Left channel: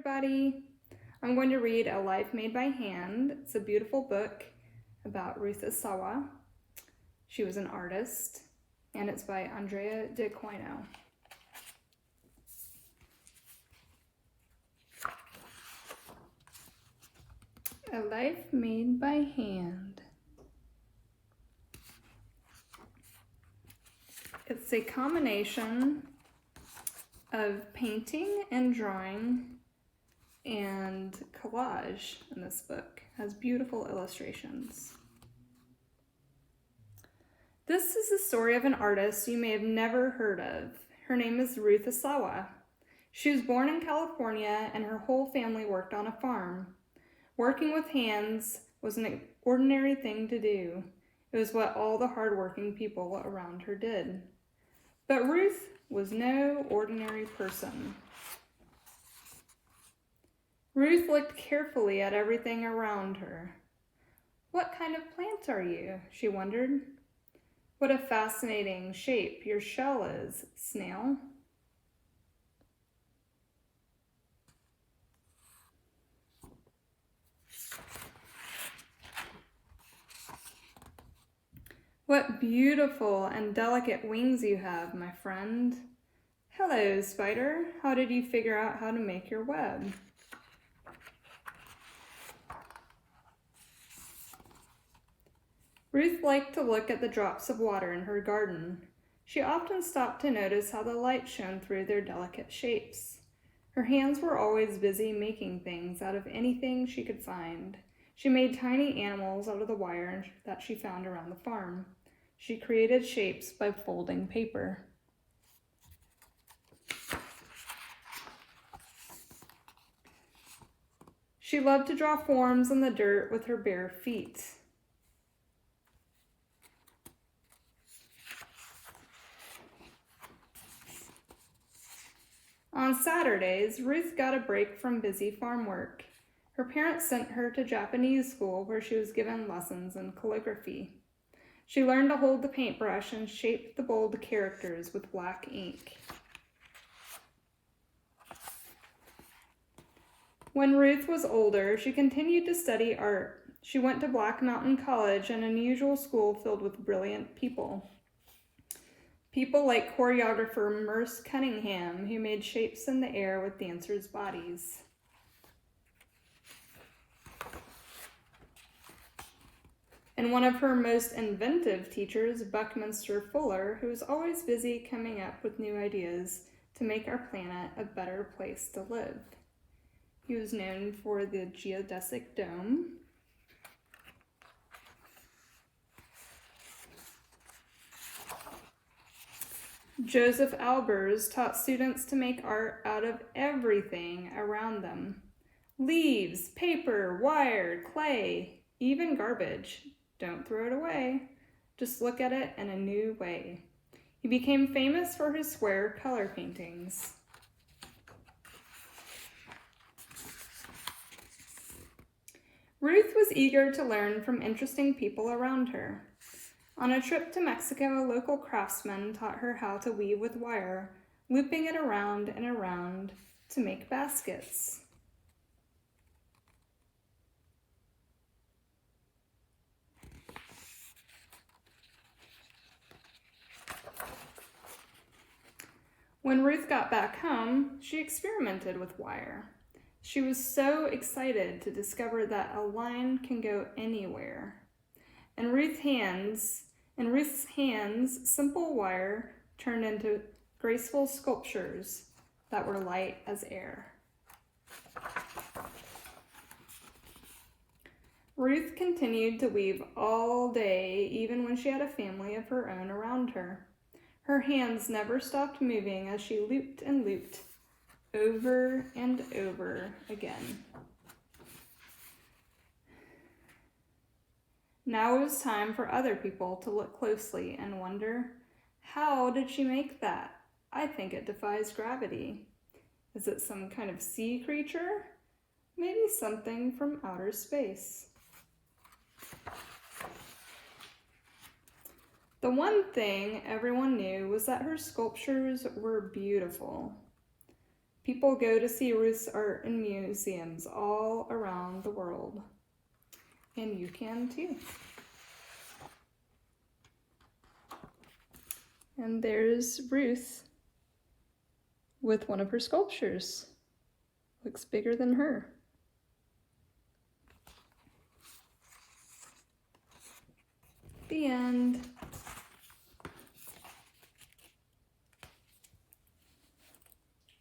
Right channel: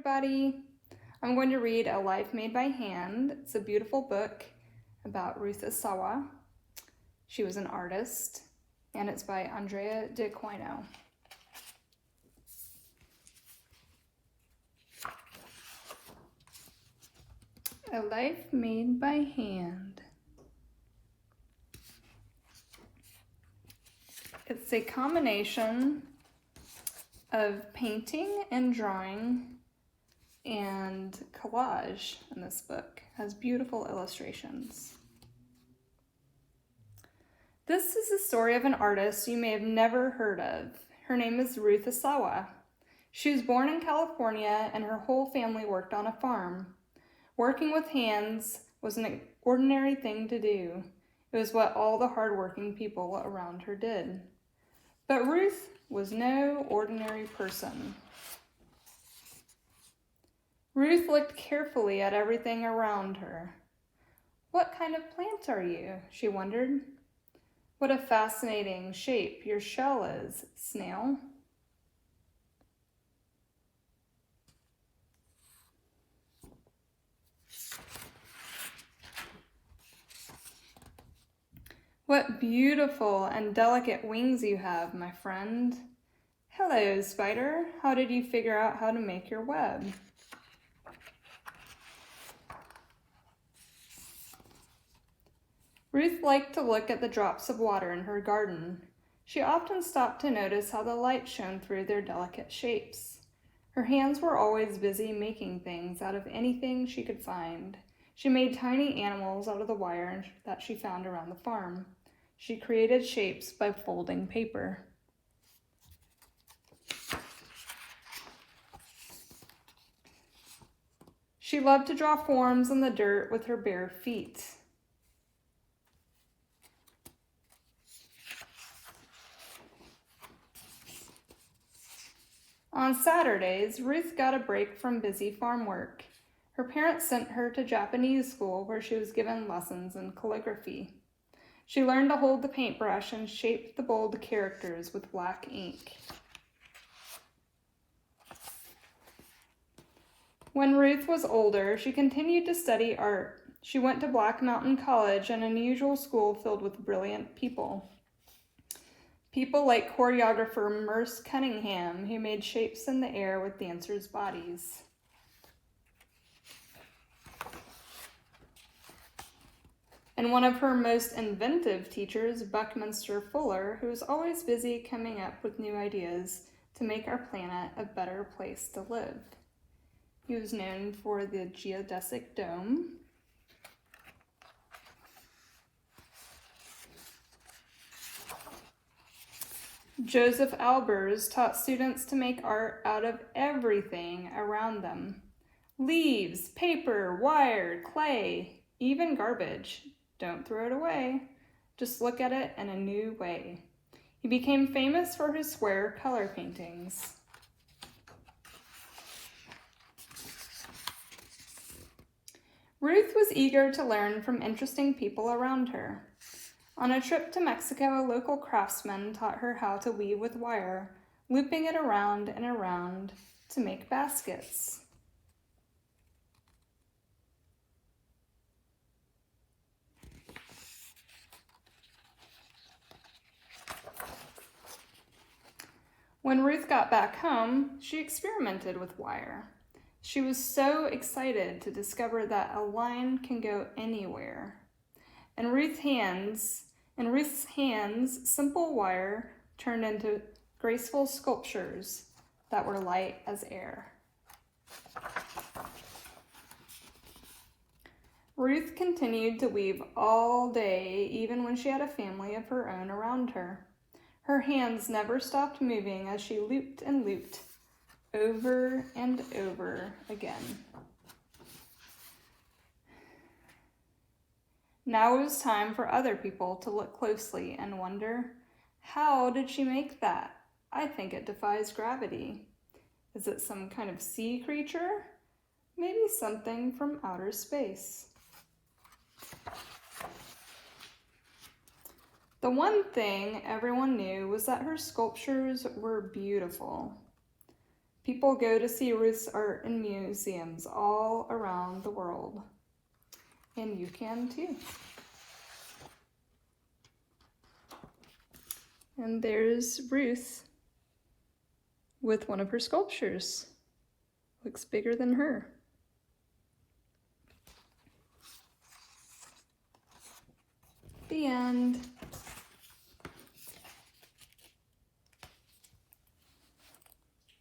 everybody. I'm going to read A Life Made by Hand. It's a beautiful book about Ruth Asawa. She was an artist, and it's by Andrea D'Aquino. A Life Made by Hand. It's a combination of painting and drawing and collage in this book. It has beautiful illustrations. This is the story of an artist you may have never heard of. Her name is Ruth Asawa. She was born in California and her whole family worked on a farm. Working with hands was an ordinary thing to do. It was what all the hardworking people around her did. But Ruth was no ordinary person. Ruth looked carefully at everything around her. "What kind of plant are you?" she wondered. "What a fascinating shape your shell is, snail." "What beautiful and delicate wings you have, my friend." "Hello, spider. How did you figure out how to make your web?" Ruth liked to look at the drops of water in her garden. She often stopped to notice how the light shone through their delicate shapes. Her hands were always busy making things out of anything she could find. She made tiny animals out of the wire that she found around the farm. She created shapes by folding paper. She loved to draw forms in the dirt with her bare feet. On Saturdays, Ruth got a break from busy farm work. Her parents sent her to Japanese school where she was given lessons in calligraphy. She learned to hold the paintbrush and shape the bold characters with black ink. When Ruth was older, she continued to study art. She went to Black Mountain College, an unusual school filled with brilliant people. People like choreographer Merce Cunningham, who made shapes in the air with dancers' bodies. And one of her most inventive teachers, Buckminster Fuller, who was always busy coming up with new ideas to make our planet a better place to live. He was known for the geodesic dome, Joseph Albers taught students to make art out of everything around them. Leaves, paper, wire, clay, even garbage. Don't throw it away. Just look at it in a new way. He became famous for his square color paintings. Ruth was eager to learn from interesting people around her. On a trip to Mexico, a local craftsman taught her how to weave with wire, looping it around and around to make baskets. When Ruth got back home, she experimented with wire. She was so excited to discover that a line can go anywhere. In Ruth's hands, simple wire turned into graceful sculptures that were light as air. Ruth continued to weave all day, even when she had a family of her own around her. Her hands never stopped moving as she looped and looped over and over again. Now it was time for other people to look closely and wonder, how did she make that? I think it defies gravity. Is it some kind of sea creature? Maybe something from outer space. The one thing everyone knew was that her sculptures were beautiful. People go to see Ruth's art in museums all around the world. And you can too. And there's Ruth with one of her sculptures. Looks bigger than her. The end.